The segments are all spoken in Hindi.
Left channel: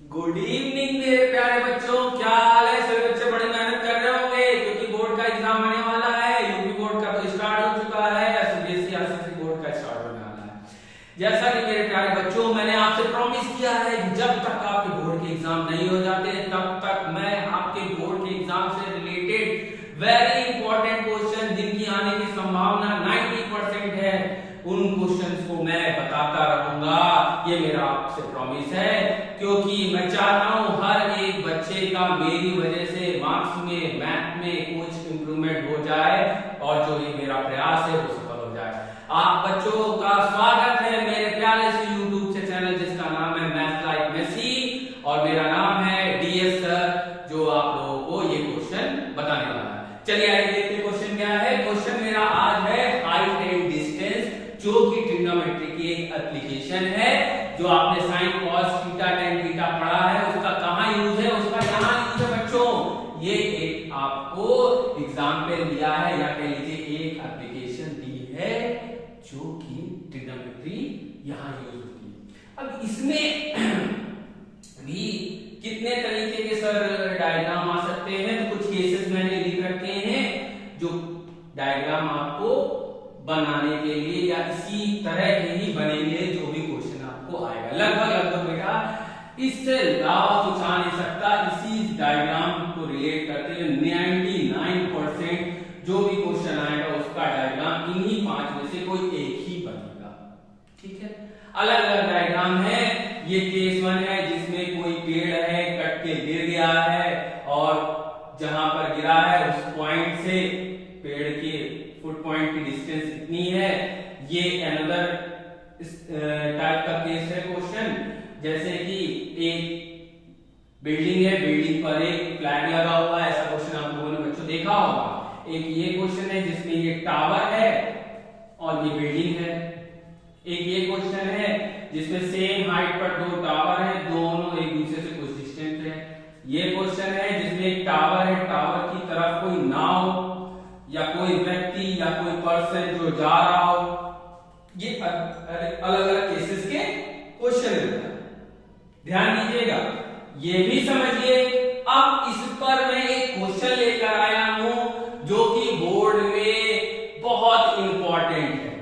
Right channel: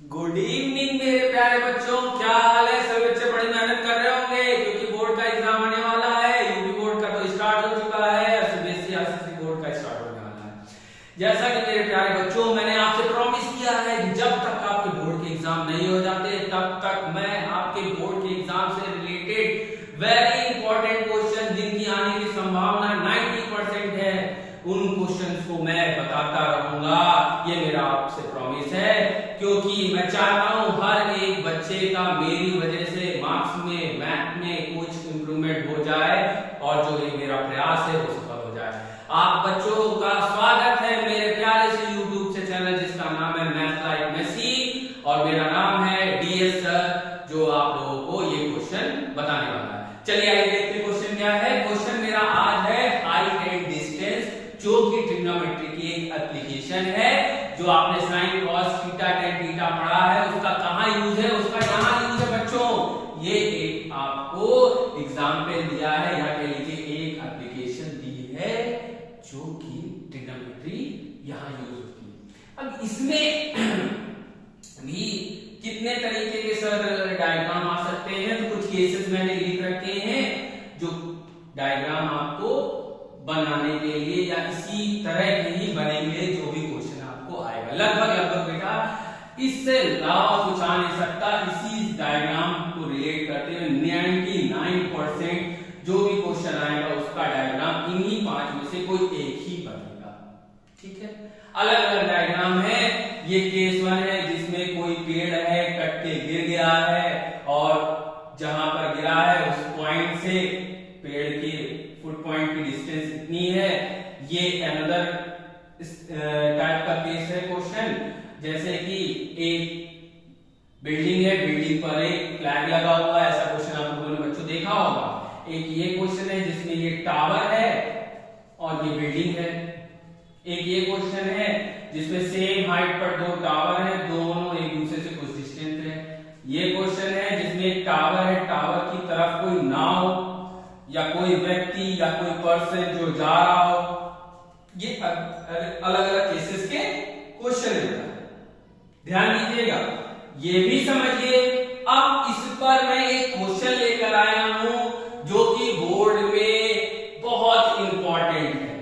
गुड इवनिंग मेरे प्यारे बच्चों, क्या हाल है? सभी बच्चे बड़ी मेहनत कर रहे होंगे क्योंकि बोर्ड का एग्जाम आने वाला है। यूपी बोर्ड का तो स्टार्ट हो चुका है, सीबीएसई आईसीएसई बोर्ड का स्टार्ट होने वाला है। जैसा कि मेरे प्यारे बच्चों, मैंने आपसे प्रॉमिस किया है कि जब तक आपके बोर्ड के एग्जाम नहीं हो जाते तब तक मैं आपके बोर्ड के एग्जाम से रिलेटेड वेरी इंपॉर्टेंट क्वेश्चन जिनकी आने की संभावना 90% है, उन क्वेश्चंस को मैं बताता रहूंगा। ये मेरा आपसे प्रॉमिस है क्योंकि मैं चाहता हूं हर एक बच्चे का मेरी वजह से मार्क्स में, मैथ में कुछ इंप्रूवमेंट हो जाए और जो ये मेरा प्रयास है वो सफल हो जाए। आप बच्चों का स्वागत है मेरे प्यारे से यूट्यूब से चैनल जिसका नाम है मैथ लाइक मेसी और मेरा नाम है डीएस सर, जो आप लोगों को ये क्वेश्चन बताने वाला है। चलिए आइए देखते हैं क्वेश्चन क्या है। क्वेश्चन मेरा आज है हाइट एंड डिस्टेंस, जो कि ट्रिग्नोमेट्री की एक एप्लीकेशन है। जो आपने sine cos theta tan theta पढ़ा है उसका कहां यूज है, उसका यहां यूज है बच्चों। ये एक आपको एग्जाम पे दिया है या कह लीजिए एक एप्लीकेशन दी है जो कि ट्रिग्नोमेट्री यहां यूज होती है। अब इसमें भी कितने तरीके के सर डायग्राम आ सकते हैं, तो कुछ केसेस मैंने लिख रखे हैं जो डायग्राम आपको बनाने के लिए या इसी तरह के ही बनेंगे जो भी क्वेश्चन आपको आएगा। लगभग बेटा इससे अलावा कुछ आ नहीं सकता। इसी डायग्राम को रिलेट करते हुए 99% जो भी क्वेश्चन आएगा उसका डायग्राम इन्हीं 5 में से कोई एक ही बनेगा। ठीक है, अलग अलग डायग्राम है। ये केस 1 है जिसमें कोई पेड़ है, कट के गिर गया है और जहां पर गिरा है उस पॉइंट से पेड़ के फुट पॉइंट की डिस्टेंस इतनी है। ये अनदर टाइप का केस है क्वेश्चन, जैसे कि एक बिल्डिंग है, बिल्डिंग पर एक फ्लैग लगा हुआ है। ऐसा क्वेश्चन आप लोगों ने बच्चों देखा होगा। एक ये क्वेश्चन है जिसमें ये टावर है और ये बिल्डिंग है। एक ये क्वेश्चन है जिसमें सेम हाइट पर 2 टावर है, दोनों एक दूसरे से कुछ डिस्टेंस है। ये क्वेश्चन है जिसमें एक टावर है, टावर की तरफ कोई नाव या कोई व्यक्ति या कोई पर्सन जो जा रहा हो। ये अलग अलग केसेस के क्वेश्चन है, ध्यान दीजिएगा, ये भी समझिए। अब इस पर मैं एक क्वेश्चन लेकर आया हूं जो कि बोर्ड में बहुत इंपॉर्टेंट है।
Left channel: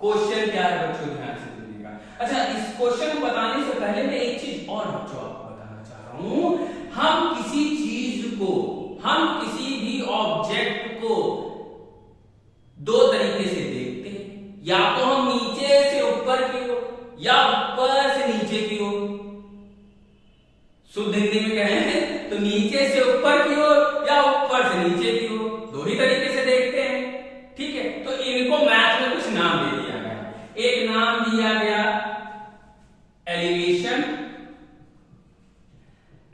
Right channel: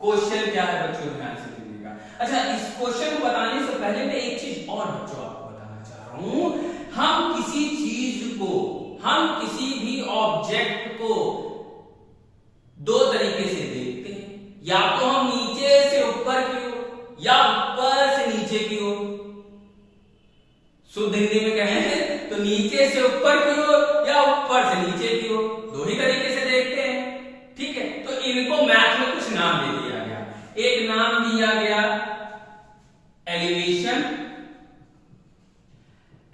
क्वेश्चन क्या है बच्चों, ध्यान से सुनिएगा। अच्छा, इस क्वेश्चन को बताने से पहले मैं एक चीज और बच्चों आपको बताना चाह रहा हूं। हम किसी चीज को, हम किसी भी ऑब्जेक्ट को 2 तरीके से देखते हैं, या तो हम नीचे से ऊपर की ओर या ऊपर से नीचे की ओर। शुद्ध हिंदी में कहें तो नीचे से ऊपर की ओर या ऊपर से नीचे की ओर, 2 ही तरीके से देखते हैं। ठीक है, तो इनको मैथ में कुछ नाम दे दिया गया। एक नाम दिया गया एलिवेशन।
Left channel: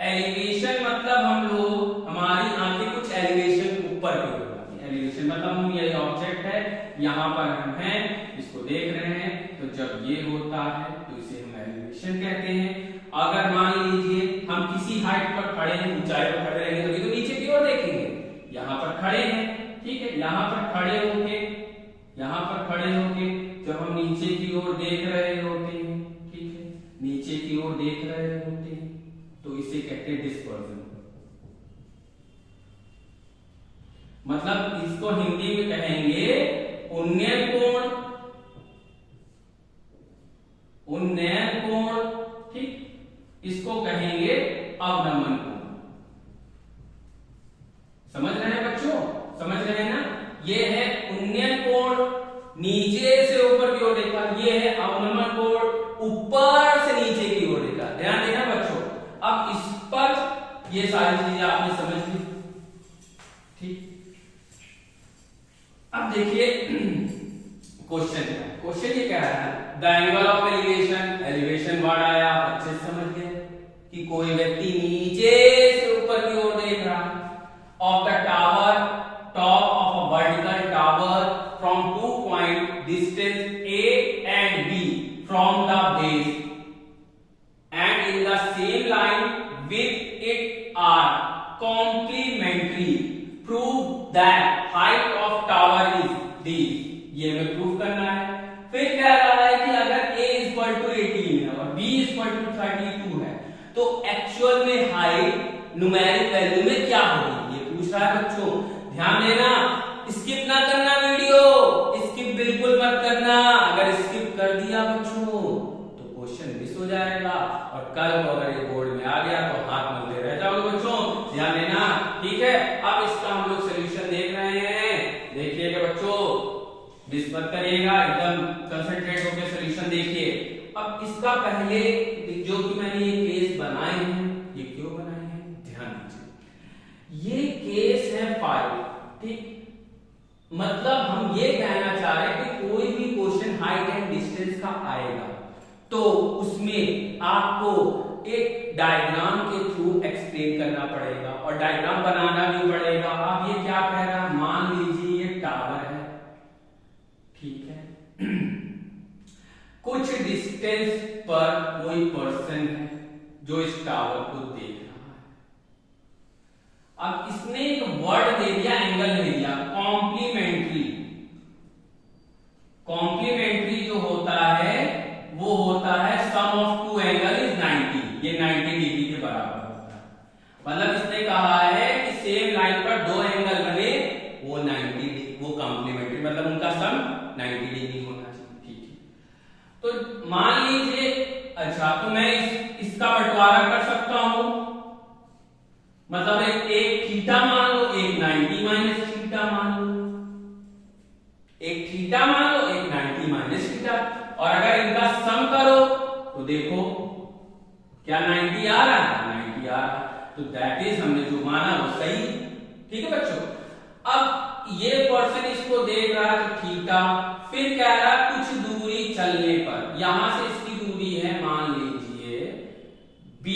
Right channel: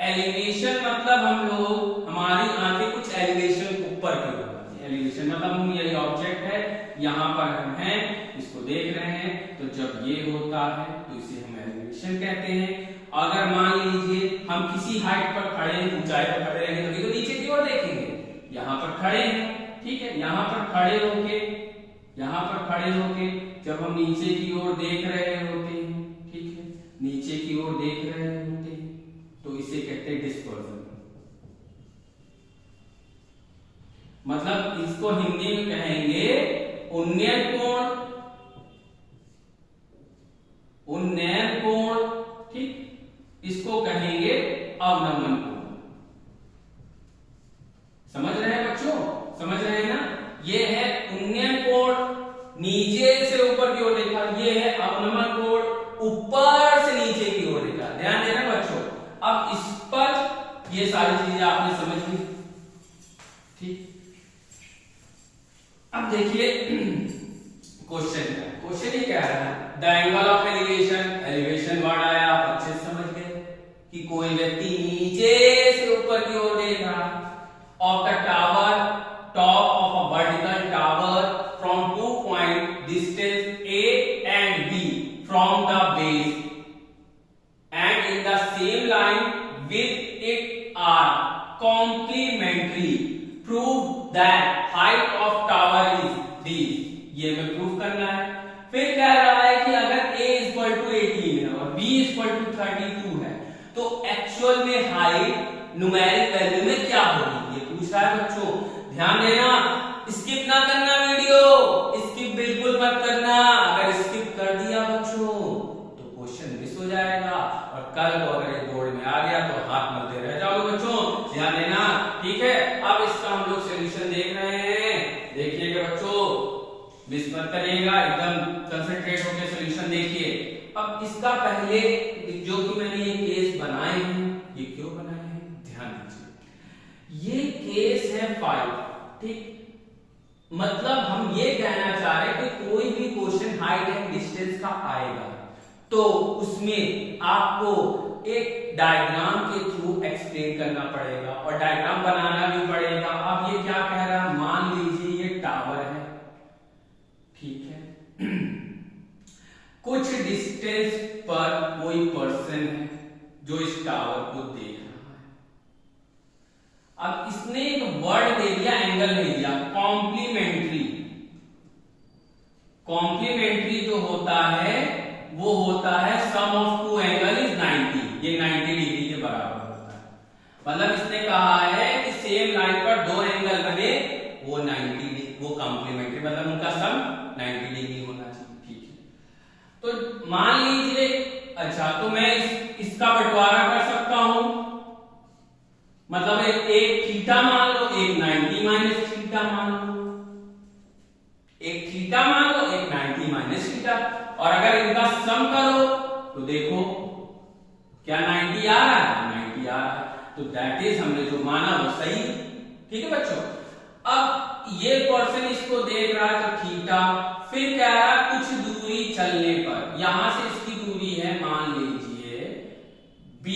एलिवेशन मतलब हम लोग, हमारी आंखें कुछ एलिवेशन ऊपर की ओर। एलिवेशन मतलब हम, ये ऑब्जेक्ट है, यहां पर हम हैं, इसको देख रहे हैं, तो जब ये होता है तो इसे हम एलिवेशन कहते हैं। अगर मान लीजिए हम किसी हाइट पर खड़े हैं, ऊंचाई पर खड़े रहेंगे तभी तो नीचे की ओर देखेंगे। यहां पर खड़े हैं, ठीक है, यहां पर खड़े होके, यहां पर खड़े होके जब हम नीचे की ओर देख रहे होते हैं, ठीक है, नीचे की ओर देख रहे होते हैं, तो इसे कहते हैं डिस्पर्जन। मतलब इसको हिंदी में कहेंगे उन्नयन कोण, उन्नयन कोण, ठीक, इसको कहेंगे अवनमन कोण। समझ रहे हैं बच्चों, समझ रहे हैं ना? ये है उन्नयन कोण, नीचे से ऊपर की ओर देखा। ये है अवनमन कोण, ऊपर से नीचे की ओर देखा। ध्यान देना बच्चों। अब इस पर ये सारी चीजें आपने समझ ली, ठीक। अब देखिए क्वेश्चन क्या है। क्वेश्चन ये कह रहा है the angle of elevation, elevation word आया, आप अच्छे से समझ गए कि कोई व्यक्ति नीचे से ऊपर की ओर देख रहा है। Of the tower, top of a vertical tower from 2 point distance A and B from the base and in the same line with it are complementary. Prove that height of tower is this. ये हमें प्रूफ करना है। फिर कह रहा है कि अगर A = 18 है और B = 32 है तो एक्चुअल में हाइट न्यूमेरिक वैल्यू में क्या होगी ये पूछ रहा है बच्चों। ध्यान देना, स्किप ना करना वीडियो, स्किप बिल्कुल मत करना। अगर स्किप कर दिया बच्चों तो क्वेश्चन मिस हो जाएगा और कल को अगर ये बोर्ड में आ गया तो हाथ मलते रह जाओगे बच्चों। ध्यान देना, ठीक है। अब इसका हम लोग सोल्यूशन देख रहे हैं, देखिएगा बच्चों, मिस मत करिएगा, एकदम कंसंट्रेट होकर सोल्यूशन देखिए। अब इसका पहले जो कि मैंने ये केस बनाए हैं, ये क्यों बनाए हैं ध्यान दीजिए। ये केस है 5, ठीक। मतलब हम ये कहना चाह रहे हैं कि कोई भी क्वेश्चन हाइट एंड डिस्टेंस का आएगा तो उसमें आपको एक डायग्राम के थ्रू एक्सप्लेन करना पड़ेगा और डायग्राम बनाना भी पड़ेगा। अब ये क्या कह रहा है, मान लीजिए ये टावर है, ठीक है। कुछ डिस्टेंस पर कोई पर्सन है जो इस टावर को देख रहा है। अब इसने एक वर्ड दे दिया, एंगल दे दिया कॉम्प्लीमेंट्री। कॉम्प्लीमेंट्री जो होता है वो होता है सम ऑफ टू एंगल इज 90, ये 90 डिग्री के बराबर होता है। मतलब इसने कहा है कि सेम लाइन पर दो एंगल बने वो 90 डिग्री, वो कॉम्प्लीमेंट्री, मतलब उनका सम 90 डिग्री होना चाहिए, ठीक है। तो मान लीजिए, अच्छा तो मैं इसका बंटवारा कर सकता हूं, मतलब एक थीटा मान लो, एक 90 माइनस थीटा मान लो, एक थीटा मान लो, एक 90 माइनस थीटा। और अगर इनका सम करो तो देखो क्या 90 आ रहा है, 90 आ रहा है। तो दैट इज हमने जो माना वो सही, ठीक है बच्चों। अब ये पर्सन इसको देख रहा है तो थीटा, फिर कह रहा है कुछ दूरी चलने पर, यहां से इसकी दूरी है मान लीजिए b,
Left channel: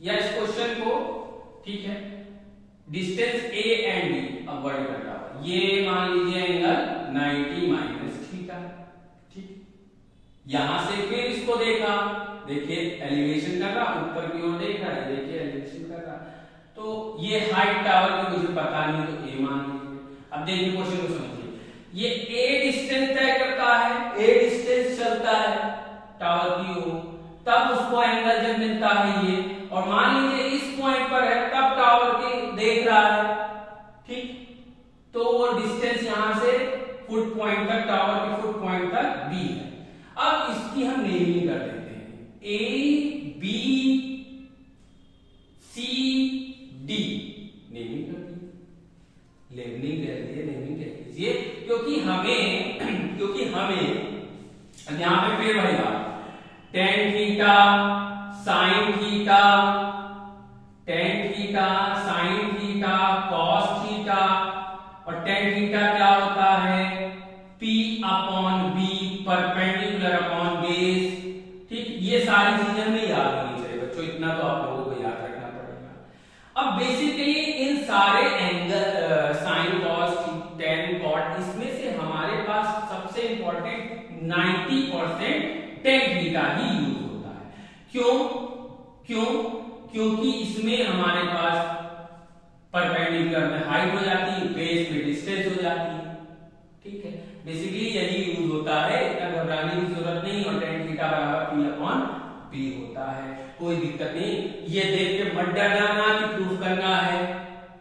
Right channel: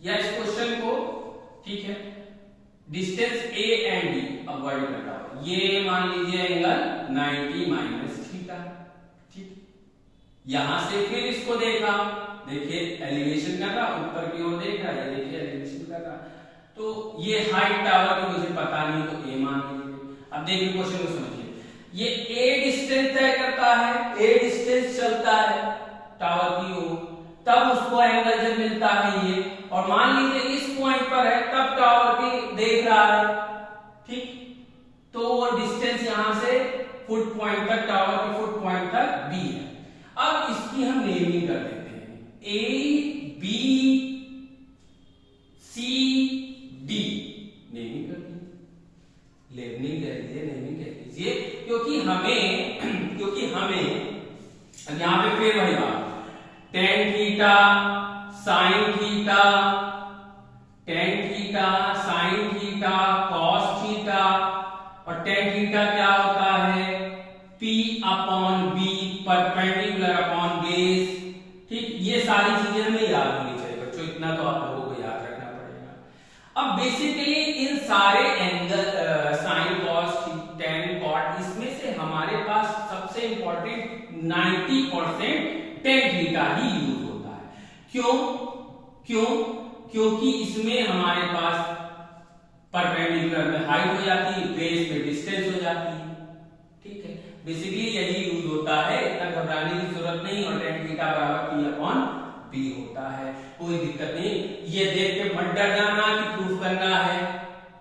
या इस क्वेश्चन को, ठीक है, डिस्टेंस a एंड d, अब वर्ड करता हूं, ये मान लीजिए एंगल 90 माइनस थीटा, ठीक। यहां से फिर इसको देखा, देखिए एलिवेशन कर रहा, ऊपर की ओर देख रहा है, देखिए एलिवेशन कर रहा। तो ये हाइट टावर की मुझे पता नहीं तो a मान लीजिए। अब देखिए क्वेश्चन को समझिए, ये a डिस्टेंस तय करता है, a डिस्टेंस चलता है टावर की ओर, तब उसको एंगल जब मिलता है ये, और मान लीजिए इस पॉइंट पर है तब टावर की देख रहा है, ठीक। तो वो डिस्टेंस यहां से फुट पॉइंट तक, टावर के फुट पॉइंट तक b है। अब इसकी हम नेमिंग कर देते हैं, a b c d, naming कर दीजिए, नेमिंग कर दीजिए, क्योंकि हमें यहां पे फिर वही बात, tan theta sine theta, tan theta sine theta cos theta, और टेन थीटा क्या होता है P upon B perpendicular upon base, ठीक। ये सारी चीजें हमें याद होनी चाहिए बच्चों, इतना तो आप लोगों को याद रखना पड़ेगा। अब बेसिकली इन सारे angle sine cos tan cot, इसमें से हमारे पास सबसे इंपॉर्टेंट 90% टेन थीटा ही यूज होता है। क्योंकि इसमें हमारे पास परपेंडिकुलर में हाइट हो जाती है, बेस में डिस्टेंस हो जाती है, ठीक है। बेसिकली यही यूज होता है, इतना घबराने की जरूरत नहीं, और टेन थीटा बराबर P अपॉन B होता है, कोई दिक्कत नहीं। ये देख के मत डर जाना कि प्रूफ करना है,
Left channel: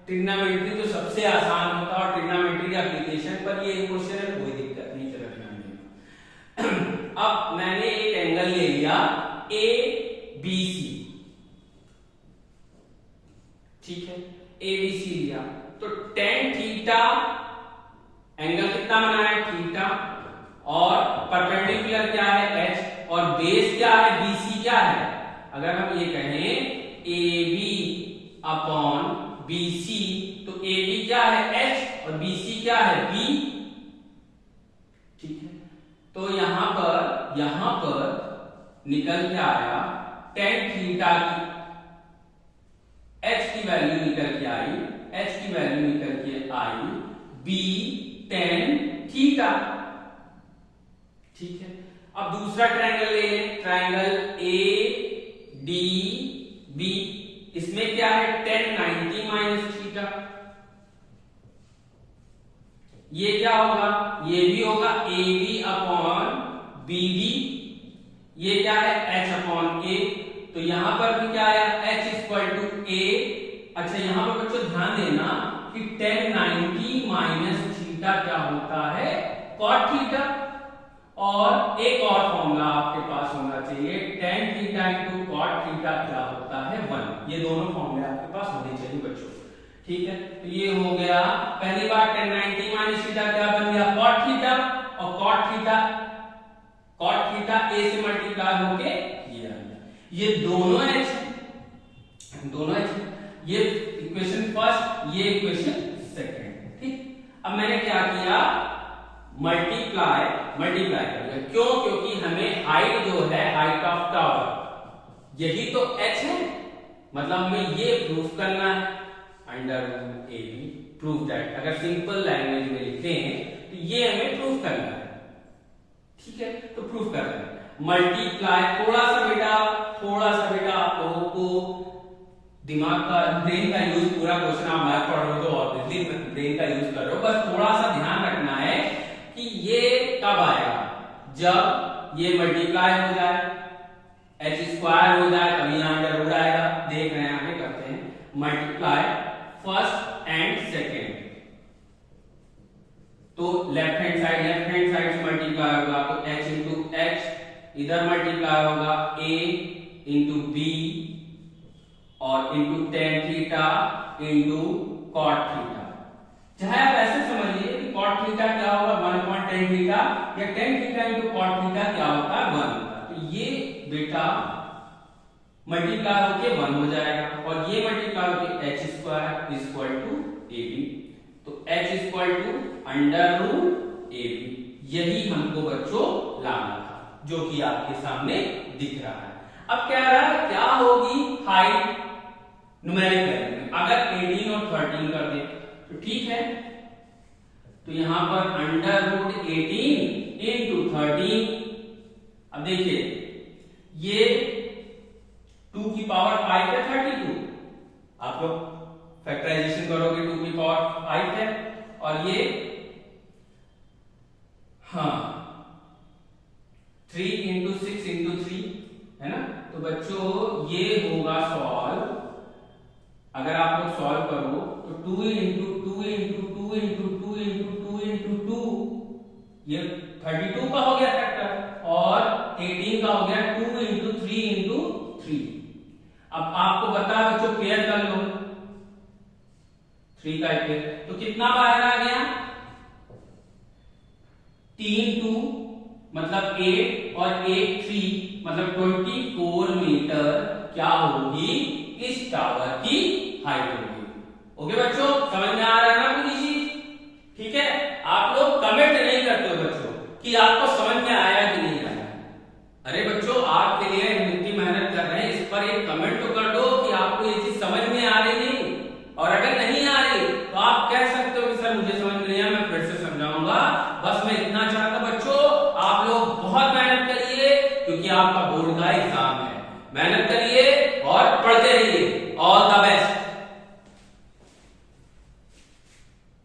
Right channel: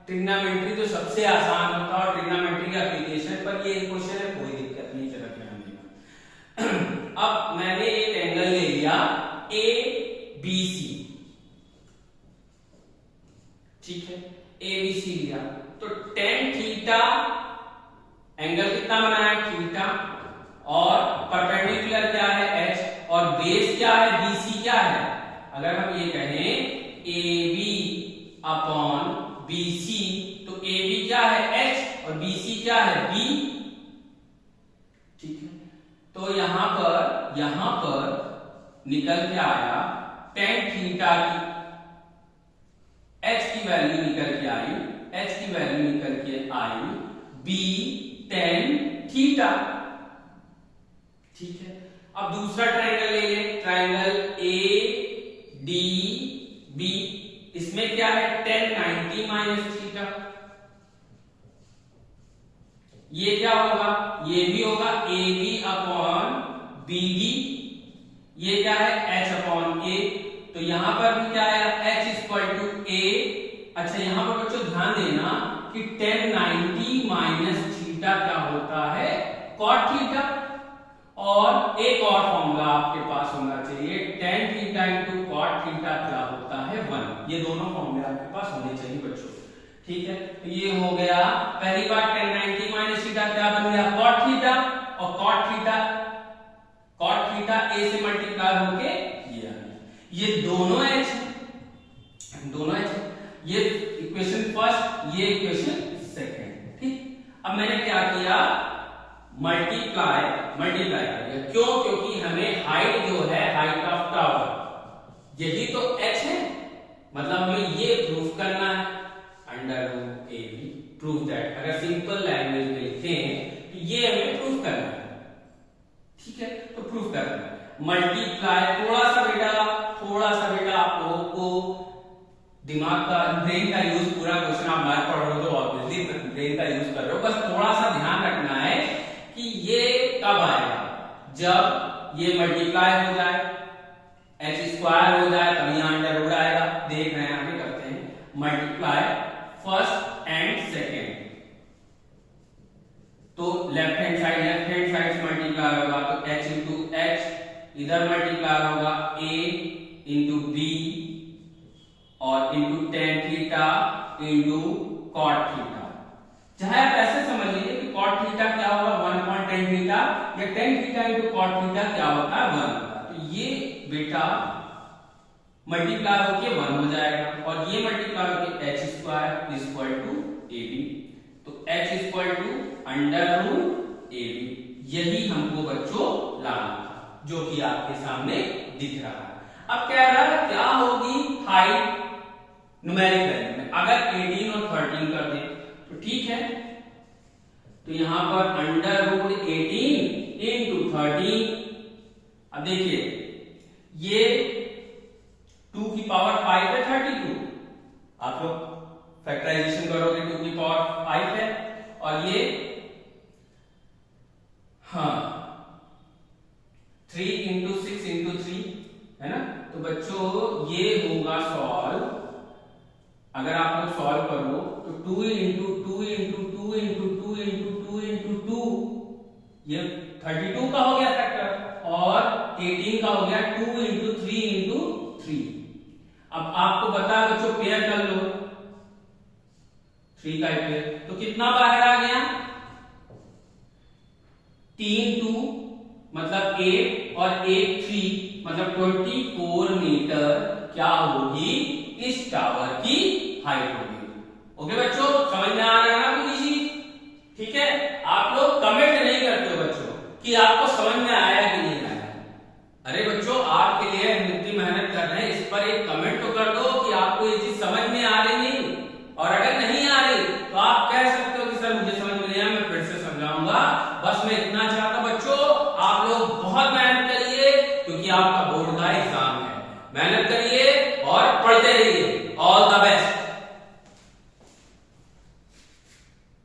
ट्रिग्नोमेट्री तो सबसे आसान होता है और ट्रिग्नोमेट्री के एप्लीकेशन पर ये क्वेश्चन है, कोई दिक्कत नहीं, चलो ध्यान देना। अब मैंने एक एंगल ले लिया ABC, ठीक है, ABC लिया, तो टेन थीटा एंगल कितना बना है थीटा, और परपेंडिकुलर क्या है H, और बेस क्या है BC क्या है। अगर हम ये कहें AB अपॉन BC, तो AB क्या है H और BC क्या है B, ठीक है। तो यहां पर निकल के आया टेन थीटा की H की वैल्यू निकल के आई, H की वैल्यू निकल के आई B टेन थीटा, ठीक है। अब दूसरा ट्रायंगल ले लें, ट्रायंगल ADB, इसमें क्या है टेन 90 माइनस थीटा, ये क्या होगा, ये भी होगा AB अपॉन BD, ये क्या है h अपॉन a, तो यहां पर भी क्या है h इक्वल टू a। अच्छा यहां पर बच्चों ध्यान देना कि tan 90 माइनस थीटा क्या होता है cot थीटा, और एक और फॉर्मूला आपके पास होना चाहिए tan theta into cot theta क्या होता है 1। ये दोनों फॉर्मूले आपके पास होने चाहिए बच्चों, ठीक है। तो ये हो गया पहली बार tan 90 माइनस थीटा क्या बन गया cot थीटा, और cot थीटा a से मल्टीप्लाई होके ये आ गया। ये दोनों h ये इक्वेशन फर्स्ट, ये इक्वेशन सेकंड, ठीक। अब मैंने क्या किया मल्टीप्लाई कर दिया, क्यों? क्योंकि हमें हाइट जो है हाइट ऑफ टावर यही तो h है, मतलब हमें ये प्रूफ करना है under root a b prove that. अगर सिंपल लैंग्वेज में लिखें तो ये हमें प्रूफ करना है, ठीक है। तो प्रूफ करना है मल्टीप्लाई, थोड़ा सा बेटा आप लोगों को दिमाग का ब्रेन का यूज, पूरा क्वेश्चन आप मैथ पढ़ रहे हो तो ऑब्वियसली ब्रेन का यूज कर रहे हो, बस थोड़ा सा ध्यान रखना है कि ये कब आएगा, जब ये मल्टीप्लाई हो जाए h स्क्वायर हो जाए तभी अंडर रूट आएगा। देख रहे हैं आगे करते हैं मल्टीप्लाई फर्स्ट एंड सेकेंड, तो लेफ्ट हैंड साइड से मल्टीप्लाई होगा तो h इंटू h, इधर मल्टीप्लाई होगा a इंटू b और into tan theta into cot theta. चाहे आप ऐसे समझ लीजिए कि cot थीटा क्या होगा 1 अपॉन tan थीटा, या tan theta into cot theta क्या होता है 1 होता। तो ये बेटा मल्टीप्लाई होके 1 हो जाएगा, और ये मल्टीप्लाई होके h square equal to ab, तो h equal to under root ab। यही हमको बच्चों लाना था, जो कि आपके सामने दिख रहा है। अब क्या होगी हाइट न्यूमेरिक वैल्यू में, अगर 18 और 13 कर दें तो ठीक है। तो यहां पर अंडर रूट 18 इंटू 13, अब देखिए ये 2 की पावर 5 है 32, आप लोग फैक्टराइजेशन करोगे 2 की पावर 5 है, और ये हाँ 3 इंटू 6 इंटू 3 है ना। तो बच्चों ये होगा सॉल्व, अगर आप लोग सॉल्व करो तो 2 into 2 into 2 into 2 into 2 into 2, ये 32 का हो गया फैक्टर, और 18 का हो गया 2 इंटू 3 इंटू 3। अब आपको बता बच्चों पेयर कर लो 3 का पेयर, तो कितना बाहर आ गया 3 2 मतलब 8 और 8 3 मतलब 24 मीटर क्या होगी इस टावर की हाइट होगी। ओके बच्चों, समझ में आ रहा है ना पूरी चीज? ठीक है, आप लोग कमेंट नहीं करते हो बच्चों कि आपको समझ में आया कि नहीं आया। अरे बच्चों आपके लिए हम इतनी मेहनत कर रहे हैं, इस पर एक कमेंट तो कर दो कि आपको ये चीज समझ में आ रही नहीं, और अगर नहीं आ रही तो आप कह सकते हो कि सर मुझे समझ में नहीं आया, मैं फिर से समझाऊंगा। बस मैं इतना चाहता बच्चों आप लोग बहुत मेहनत करिए, क्योंकि आपका बोर्ड का एग्जाम है। मेहनत करिए और पढ़ते रहिए। All the best.